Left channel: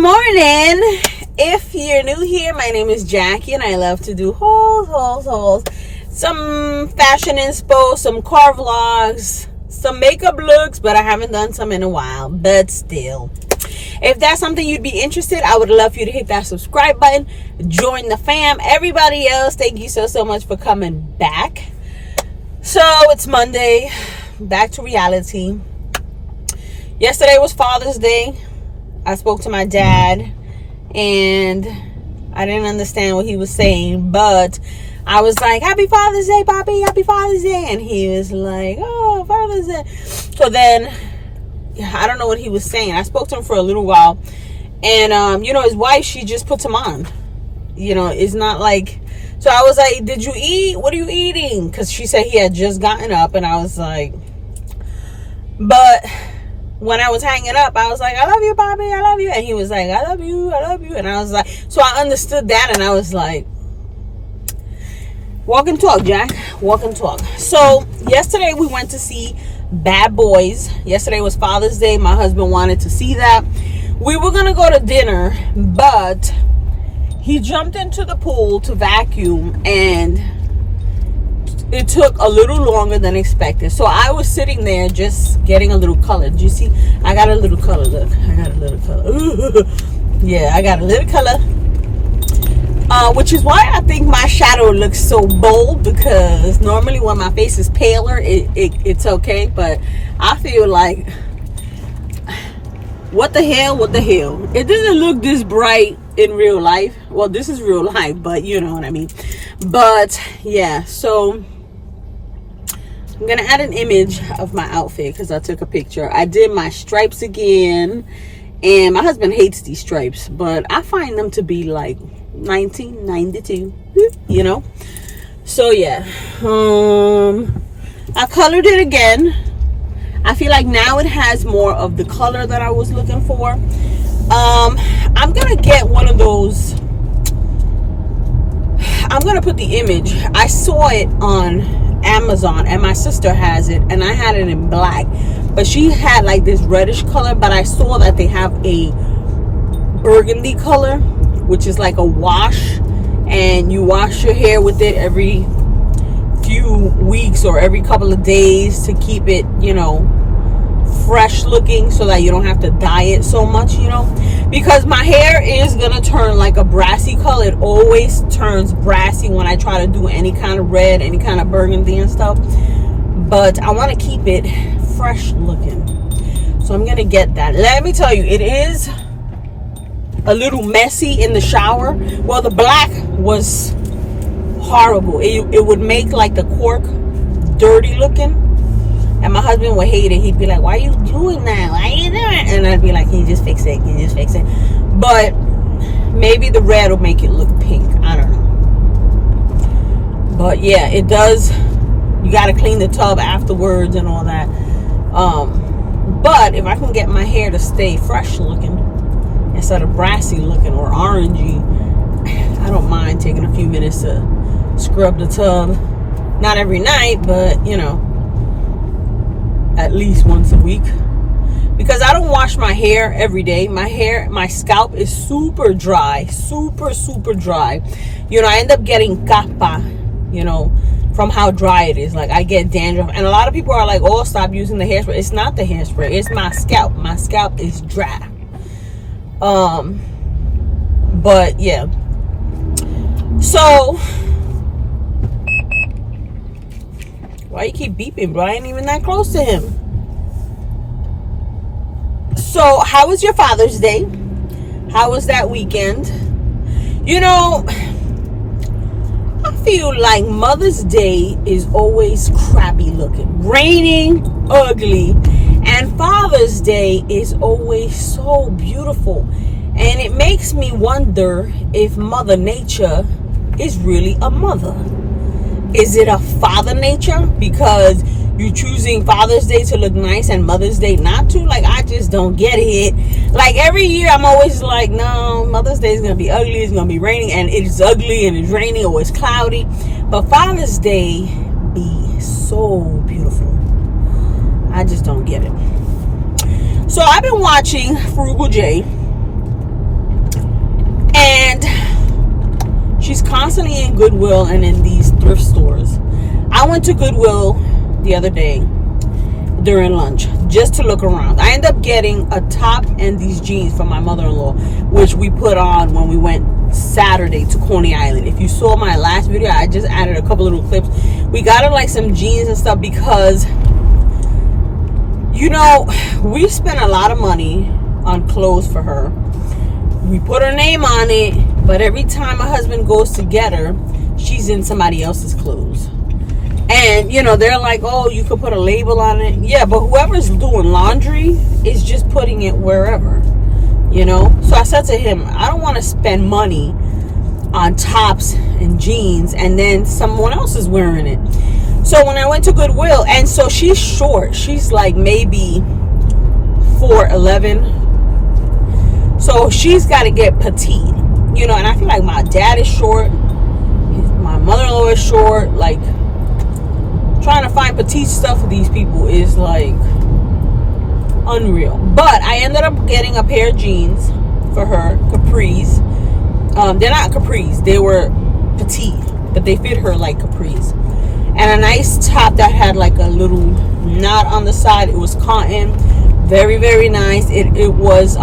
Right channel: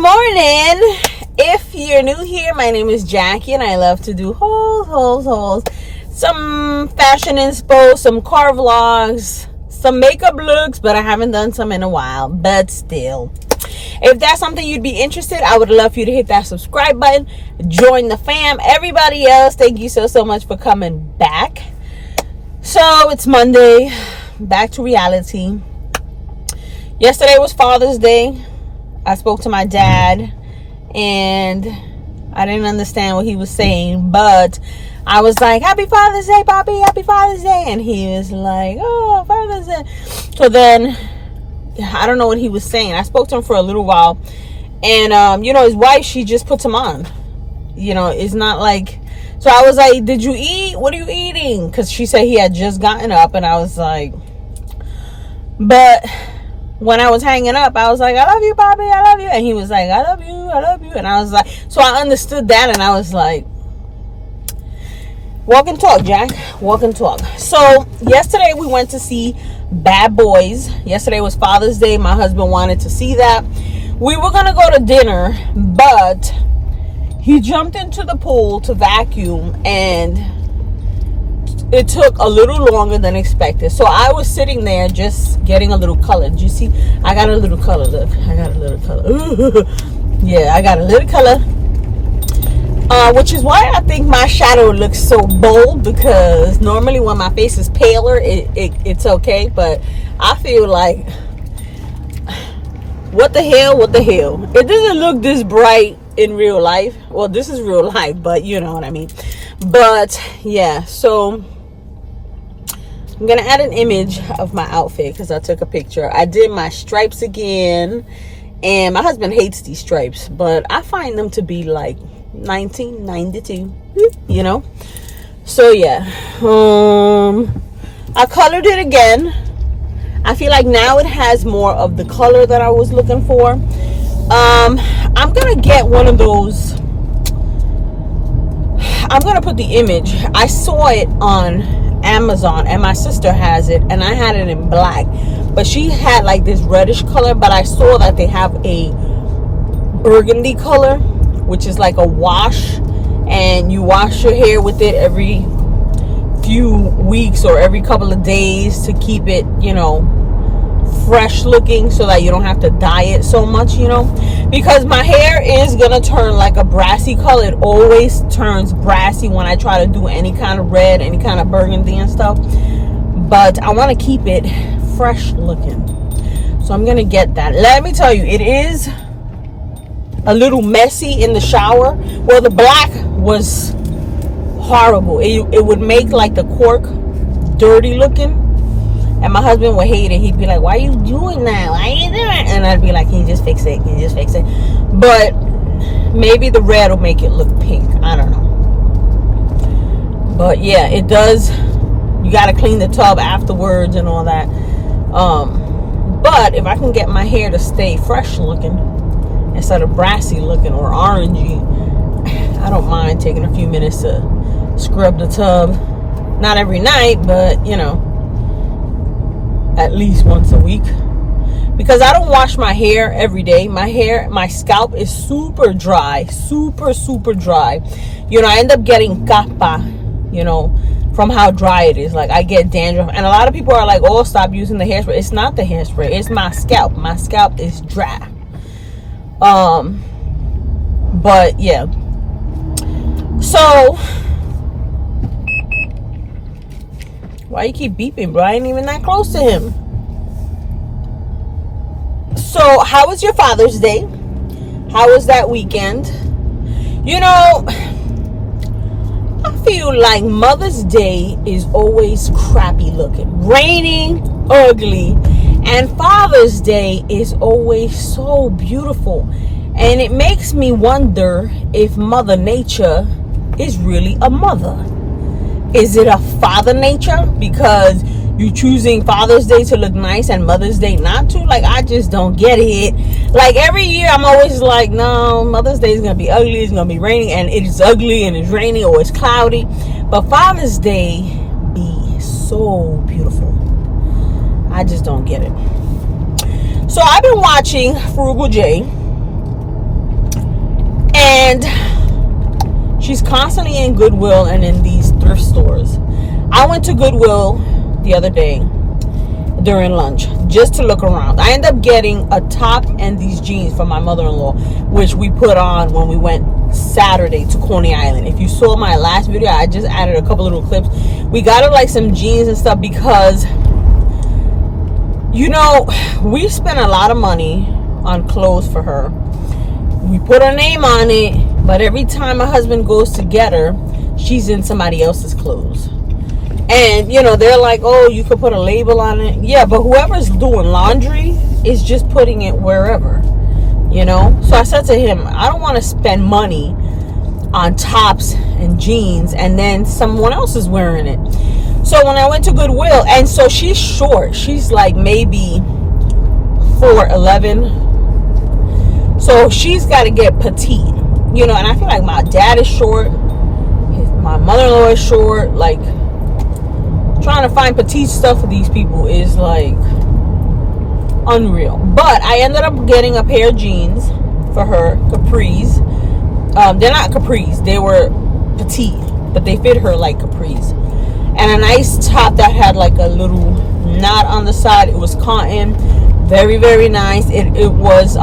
morning. If you're new here, my name is Jackie and I love to do hauls, some fashion inspo, some car vlogs, some makeup looks, but I haven't done some in a while. But still, if that's something you'd be interested, I would love for you to hit that subscribe button, join the fam. Everybody else, thank you so much for coming back. So it's Monday, back to reality. Yesterday was Father's Day. I spoke to my dad and I didn't understand what he was saying, but I was like, happy Father's Day, Poppy, happy Father's Day. And he was like, oh, Father's Day. So then I don't know what he was saying. I spoke to him for a little while, and his wife, she just puts him on. It's not like, so I was like, did you eat? What are you eating? Because she said he had just gotten up, and I was like, but when I was hanging up, I was like, I love you, Bobby, I love you. And he was like, I love you. And I was like, so I understood that, and I was like, walk and talk, Jack. Walk and talk. So yesterday we went to see Bad Boys. Yesterday was Father's Day. My husband wanted to see that. We were going to go to dinner, but he jumped into the pool to vacuum, and it took a little longer than expected. So I was sitting there just getting a little color. Did you see? I got a little color. Look, I got a little color. Yeah, I got a little color. Which is why I think my shadow looks so bold, because normally when my face is paler, it's okay. But I feel like, what the hell? It doesn't look this bright in real life. Well, this is real life, but you know what I mean. But yeah, so I'm gonna add an image of my outfit because I took a picture. I did my stripes again, and my husband hates these stripes, but I find them to be like 1992, so yeah. I colored it again. I feel like now it has more of the color that I was looking for. I'm gonna get one of those. I'm gonna put the image. I saw it on Amazon, and my sister has it, and I had it in black, but she had like this reddish color. But I saw that they have a burgundy color, which is like a wash, and you wash your hair with it every few weeks or every couple of days to keep it, fresh looking, so that you don't have to dye it so much, because my hair is gonna turn like a brassy color. It always turns brassy when I try to do any kind of red, any kind of burgundy and stuff, but I want to keep it fresh looking. So I'm gonna get that. Let me tell you, it is a little messy in the shower. Well, the black was horrible. It would make like the cork dirty looking, and my husband would hate it. He'd be like, why are you doing that? Why are you doing it? And I'd be like, can you just fix it? But maybe the red will make it look pink. I don't know. But yeah, it does. You got to clean the tub afterwards and all that. But if I can get my hair to stay fresh looking instead of brassy looking or orangey, I don't mind taking a few minutes to scrub the tub. Not every night, but at least once a week, because I don't wash my hair every day. My scalp is super dry, super dry. I end up getting capa, from how dry it is. Like, I get dandruff, and a lot of people are like, oh, stop using the hairspray. It's not the hairspray, it's my scalp. My scalp is dry. But yeah, so why you keep beeping, bro? I ain't even that close to him. So how was your Father's Day? How was that weekend? I feel like Mother's Day is always crappy looking, raining, ugly, and Father's Day is always so beautiful. And it makes me wonder if Mother Nature is really a mother. Is it a Father Nature? Because you choosing Father's Day to look nice and Mother's Day not to? Like, I just don't get it. Like, every year I'm always like, no, Mother's Day is going to be ugly, it's going to be raining, and it's ugly and it's raining or it's cloudy. But Father's Day be so beautiful. I just don't get it. So I've been watching Frugal J. And she's constantly in Goodwill and in these thrift stores. I went to Goodwill the other day during lunch just to look around. I ended up getting a top and these jeans for my mother-in-law, which we put on when we went Saturday to Coney Island. If you saw my last video, I just added a couple little clips. We got her like some jeans and stuff because, you know, we spent a lot of money on clothes for her. We put her name on it, but every time my husband goes to get her, she's in somebody else's clothes. And, you know, they're like, oh, you could put a label on it. Yeah, but whoever's doing laundry is just putting it wherever, you know. So I said to him, I don't want to spend money on tops and jeans and then someone else is wearing it. So when I went to Goodwill, and so she's short. She's like maybe 4'11". So she's got to get petite, you know. And I feel like my dad is short. My mother-in-law is short. Like, trying to find petite stuff for these people is like unreal. But I ended up getting a pair of jeans for her, capris. They're not capris, they were petite, but they fit her like capris. And a nice top that had like a little knot on the side. It was cotton, very, very nice. It was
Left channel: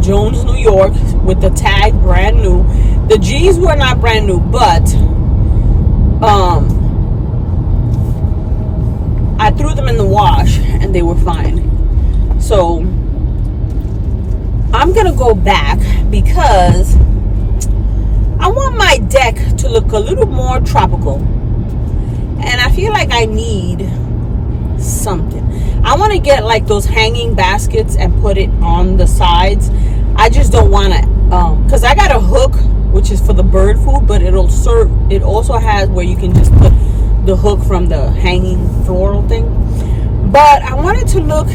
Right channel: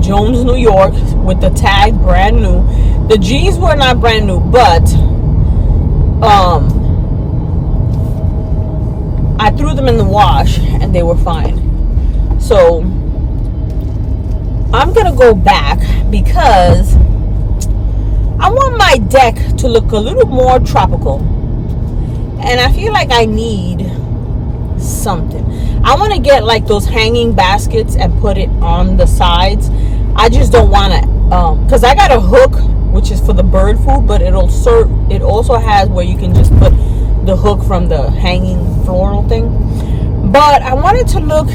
Jones, New York, with the tag, brand new. The jeans were not brand new, but I threw them in the wash and they were fine. So I'm gonna go back because I want my deck to look a little more tropical, and I feel like I need something. I want to get like those hanging baskets and put it on the sides. I just don't want to because I got a hook which is for the bird food, but it also has where you can just put the hook from the hanging floral thing. But I wanted to look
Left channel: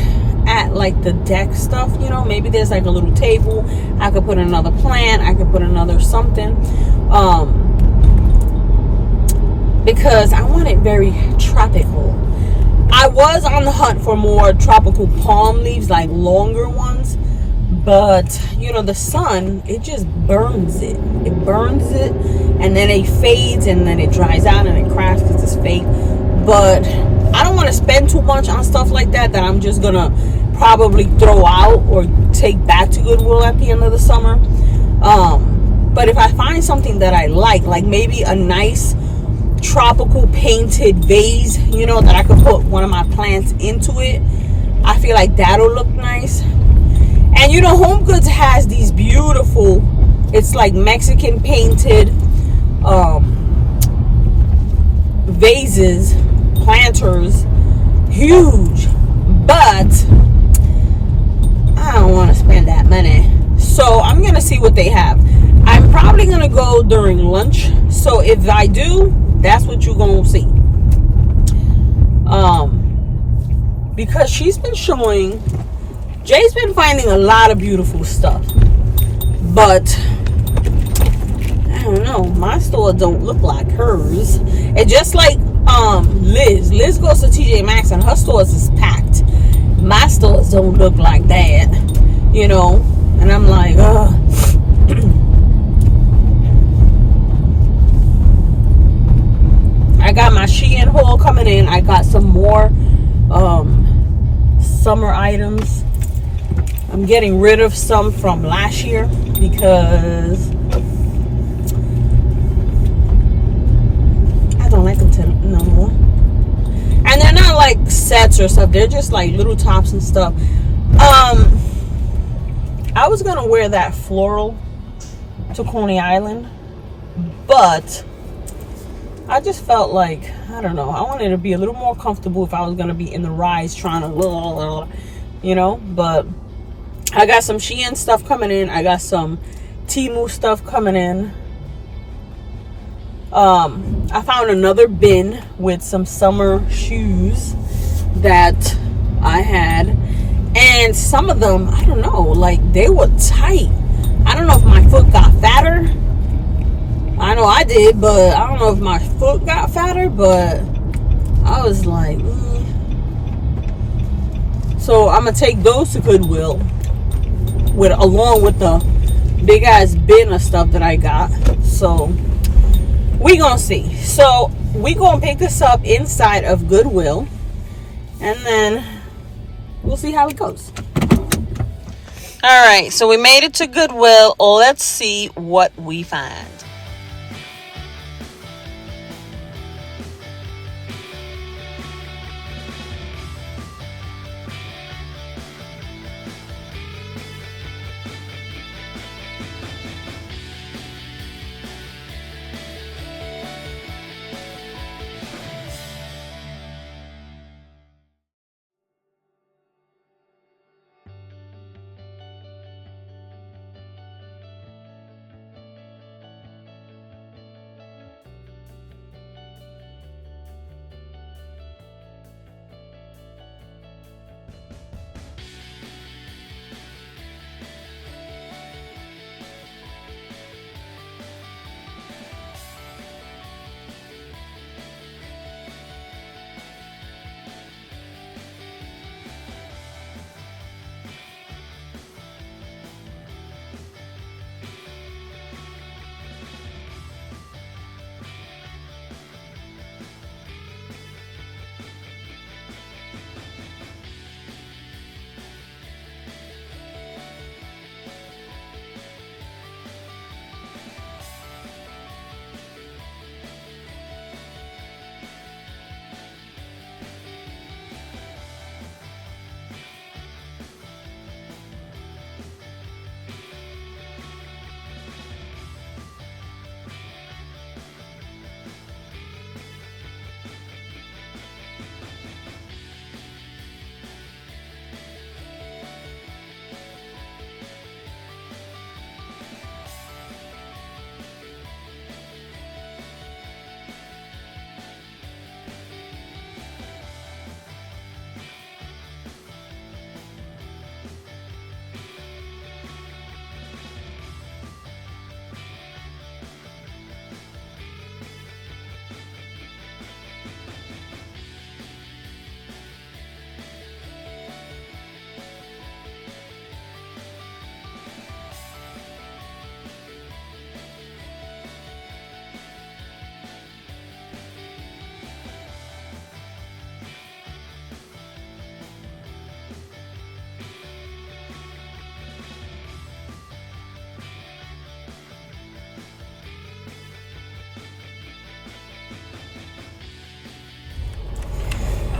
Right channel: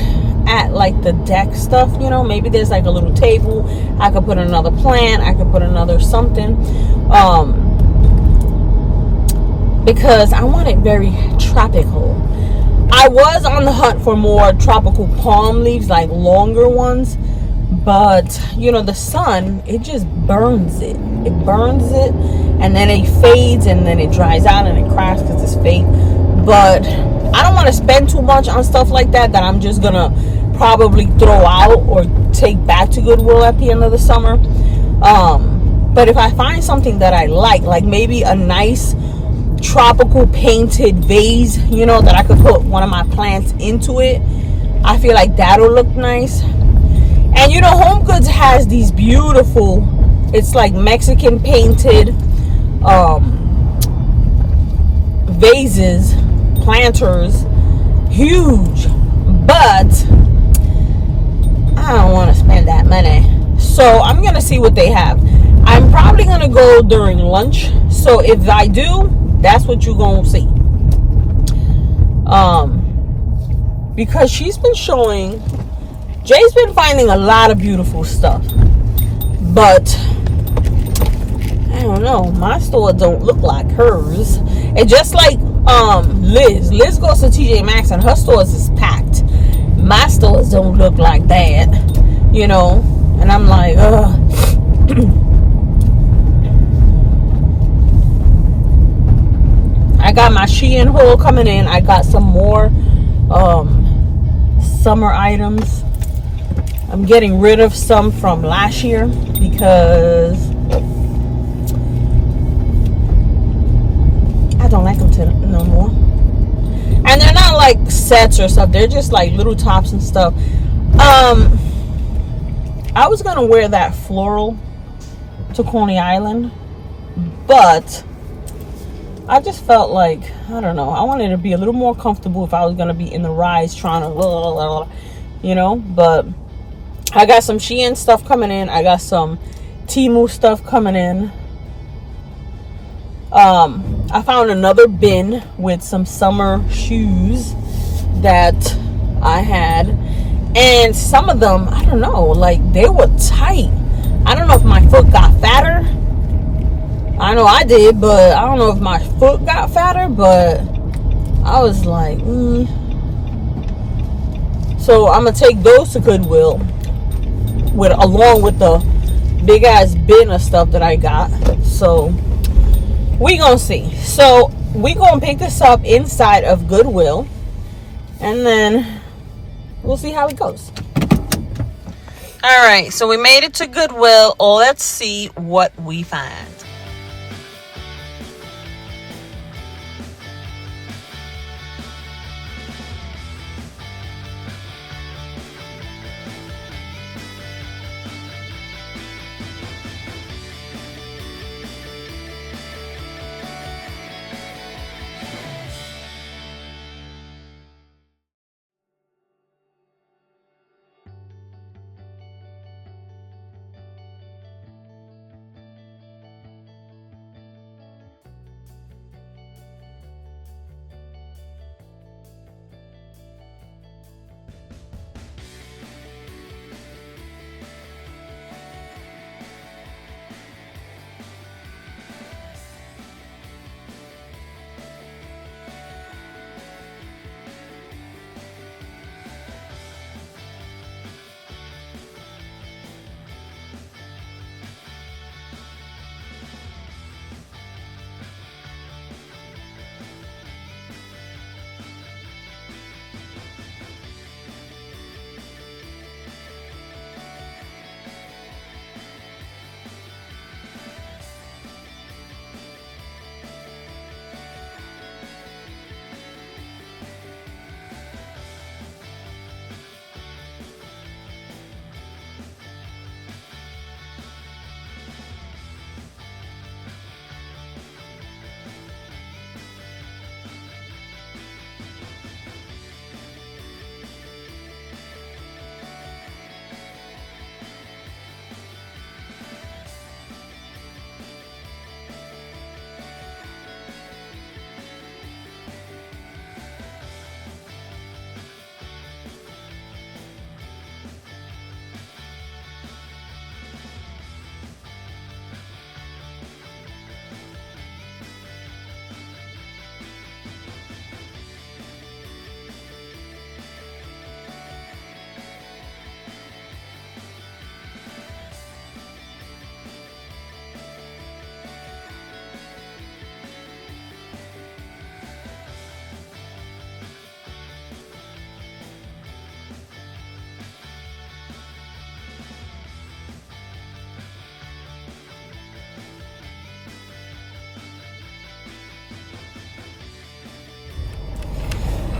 at like the deck stuff, you know. Maybe there's like a little table. I could put another plant. I could put another something. Because I want it very tropical. I was on the hunt for more tropical palm leaves, like longer ones. But, you know, the sun, it just burns it. It burns it, and then it fades, and then it dries out, and it cracks because it's fake. But I don't want to spend too much on stuff like that I'm just going to probably throw out or take back to Goodwill at the end of the summer. But if I find something that I like maybe a nice tropical painted vase, you know, that I could put one of my plants into it, I feel like that'll look nice. And you know, Home Goods has these beautiful, it's like Mexican painted vases, planters, huge, but I don't want to spend that money. So I'm gonna see what they have. I'm probably gonna go during lunch, so if I do, that's what you're gonna see. Because she's been showing, Jay's been finding a lot of beautiful stuff, but I don't know, my store don't look like hers. And just like Liz goes to TJ Maxx and her stores is packed. My stores don't look like that, you know. And I'm like, I got my Shein haul coming in. I got some more summer items. I'm getting rid of some from last year because I don't like them no more. And they're not like sets or stuff. They're just like little tops and stuff. I was gonna wear that floral to Coney Island, but I just felt like, I don't know, I wanted to be a little more comfortable if I was gonna be in the rides trying to, you know. But I got some Shein stuff coming in. I got some Temu stuff coming in. I found another bin with some summer shoes that I had, and some of them, I don't know, like they were tight. I don't know if my foot got fatter. I know I did, but I don't know if my foot got fatter, but I was like, So I'm gonna take those to Goodwill along with the big ass bin of stuff that I got. So we gonna see. So we gonna pick this up inside of Goodwill, and then we'll see how it goes. All right, so we made it to Goodwill. Let's see what we find.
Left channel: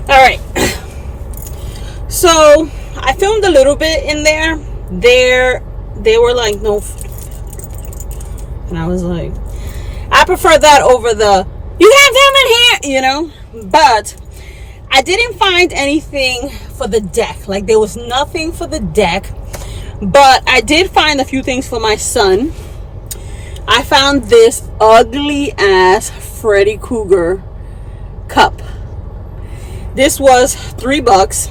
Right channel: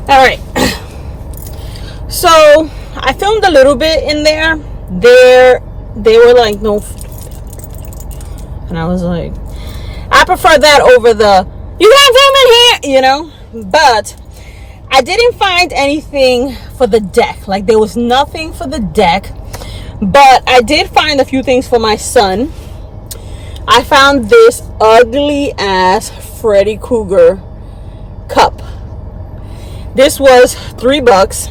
All right, so I filmed a little bit in there. They were like, no, and I was like, I prefer that over the you can't film in here, you know. But I didn't find anything for the deck. Like, there was nothing for the deck, but I did find a few things for my son. I found this ugly ass Freddy Krueger cup. This was $3,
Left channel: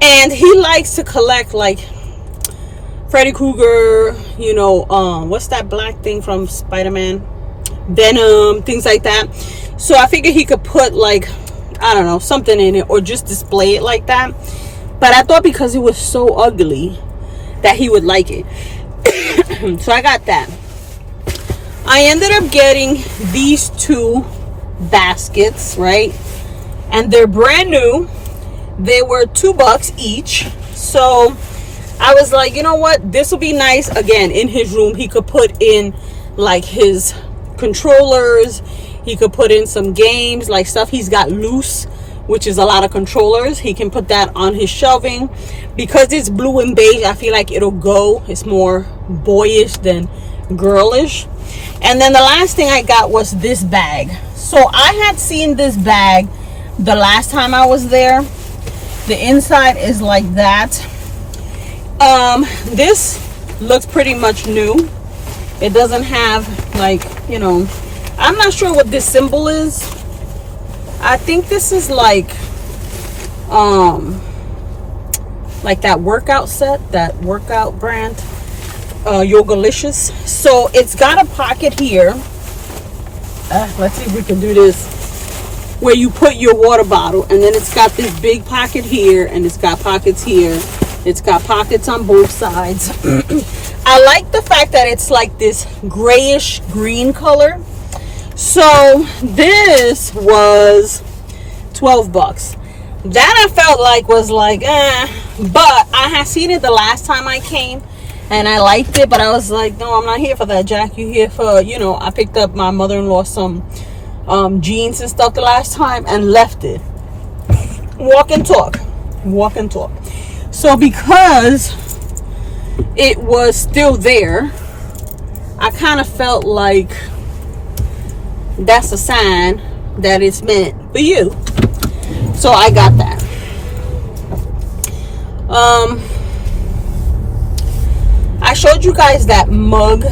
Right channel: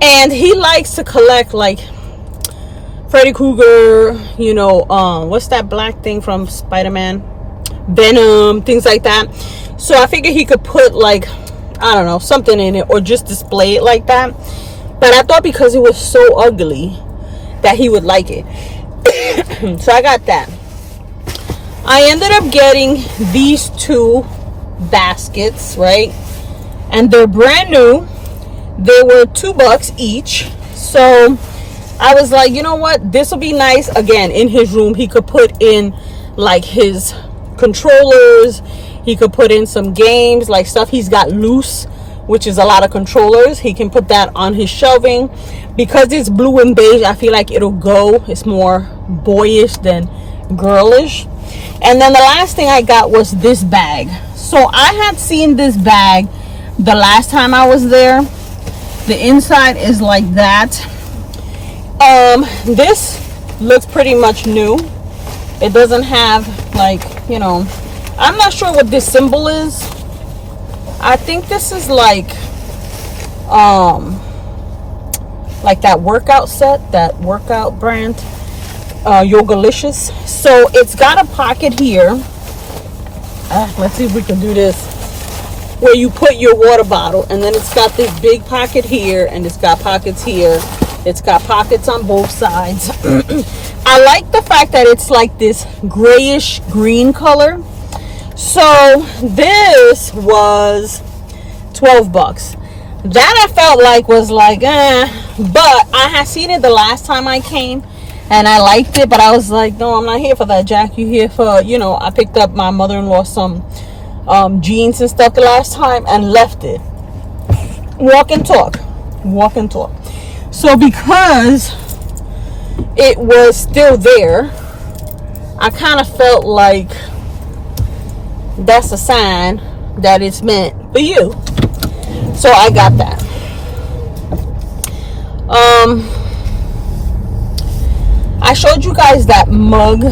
and he likes to collect like Freddy Krueger, you know, what's that black thing from Spider-Man? Venom, things like that. So I figured he could put like, I don't know, something in it, or just display it like that. But I thought because it was so ugly that he would like it. So I got that. I ended up getting these two baskets, right? And they're brand new. They were $2 each. So I was like, you know what, this will be nice. Again, in his room, he could put in like his controllers. He could put in some games, like stuff he's got loose, which is a lot of controllers. He can put that on his shelving. Because it's blue and beige, I feel like it'll go. It's more boyish than girlish. And then the last thing I got was this bag. So I had seen this bag the last time I was there. The inside is like that. This looks pretty much new. It doesn't have, like, you know, I'm not sure what this symbol is. I think this is like that workout set, that workout brand, Yogalicious. So it's got a pocket here. Let's see if we can do this, where you put your water bottle, and then it's got this big pocket here, and it's got pockets here. It's got pockets on both sides I like the fact that it's like this grayish green color. So this was $12. That I felt like was like, but I had seen it the last time I came and I liked it, but I was like, no, I'm not here for that, Jack. You here for, I picked up my mother-in-law some jeans and stuff the last time and left it. Walk and talk. So because it was still there, I kind of felt like that's a sign that it's meant for you. So I got that. I showed you guys that mug.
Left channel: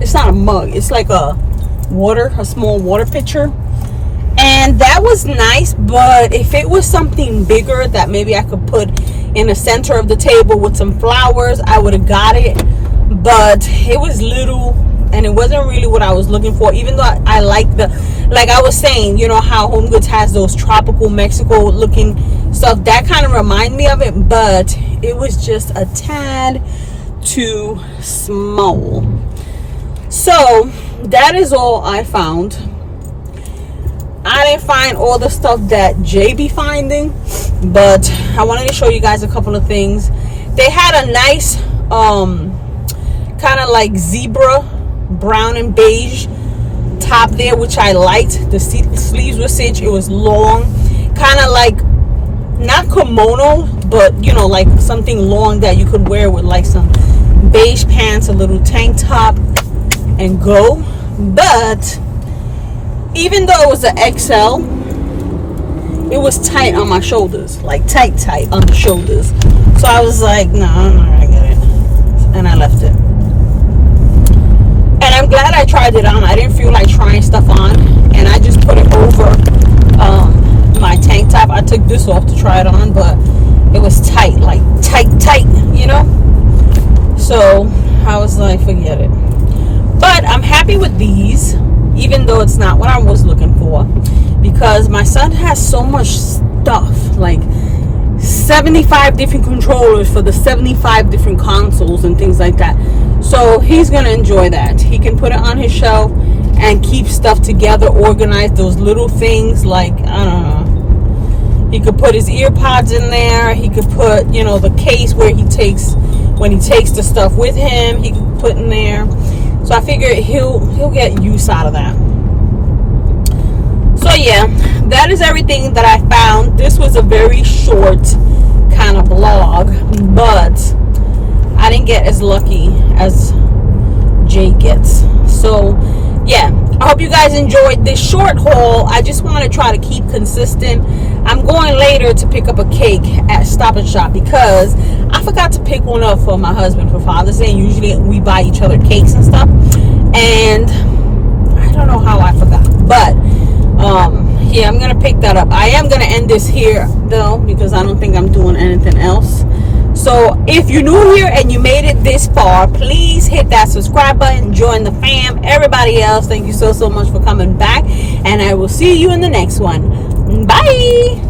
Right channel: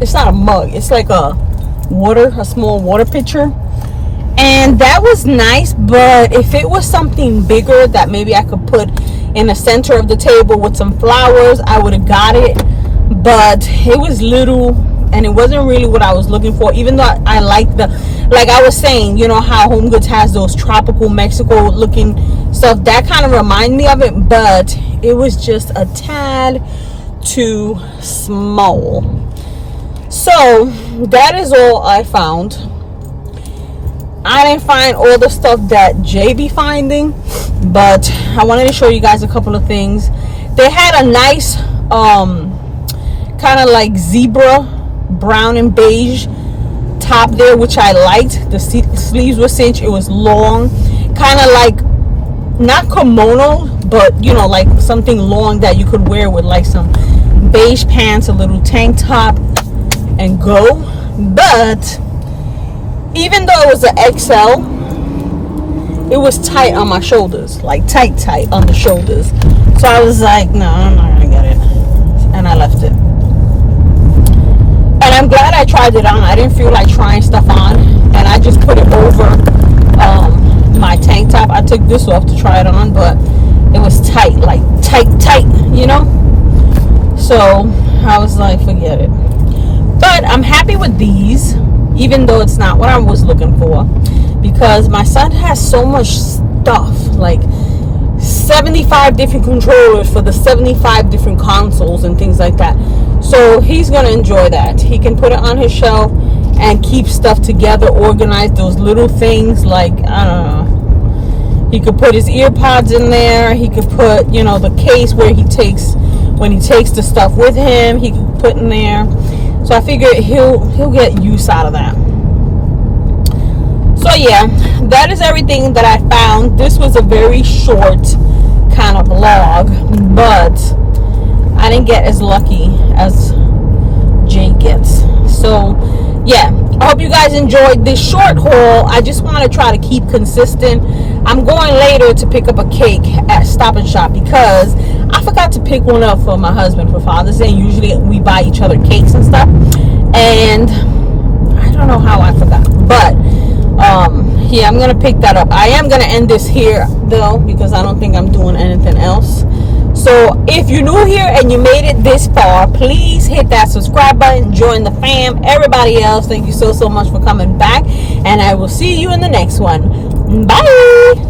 It's not a mug, it's like a small water pitcher. And that was nice, but if it was something bigger that maybe I could put in the center of the table with some flowers, I would have got it. But it was little and it wasn't really what I was looking for, even though I like like I was saying, how Home Goods has those tropical Mexico looking stuff. That kind of reminded me of it, but it was just a tad too small. So that is all I found. I didn't find all the stuff that Jay be finding, but I wanted to show you guys a couple of things. They had a nice kind of like zebra brown and beige top there, which I liked. The sleeves were cinched. It was long, kind of like not kimono, but like something long that you could wear with like some beige pants, a little tank top, and go. But even though it was an XL, it was tight on my shoulders, like tight on the shoulders. So I was like, no, I'm not gonna get it, and I left it. And I'm glad I tried it on. I didn't feel like trying stuff on, and I just put it over my tank top. I took this off to try it on, but it was tight, like tight, So I was like, forget it. But I'm happy with these, even though it's not what I was looking for, because my son has so much stuff, like 75 different controllers for the 75 different consoles and things like that. So he's gonna enjoy that. He can put it on his shelf and keep stuff together, organize those little things, like, I don't know, he could put his ear pods in there. He could put, the case where when he takes the stuff with him, he could put in there. So I figured he'll get use out of that. So yeah, that is everything that I found. This was a very short kind of vlog, but I didn't get as lucky as Jay gets. So yeah, I hope you guys enjoyed this short haul. I just want to try to keep consistent. I'm going later to pick up a cake at Stop and Shop because I forgot to pick one up for my husband for Father's Day. Usually we buy each other cakes and stuff, and I don't know how I forgot, but yeah, I'm gonna pick that up. I am gonna end this here though, because I don't think I'm doing anything else. So if you're new here and you made it this far, please hit that subscribe button, join the fam. Everybody else, thank you so much for coming back, and I will see you in the next one. Bye.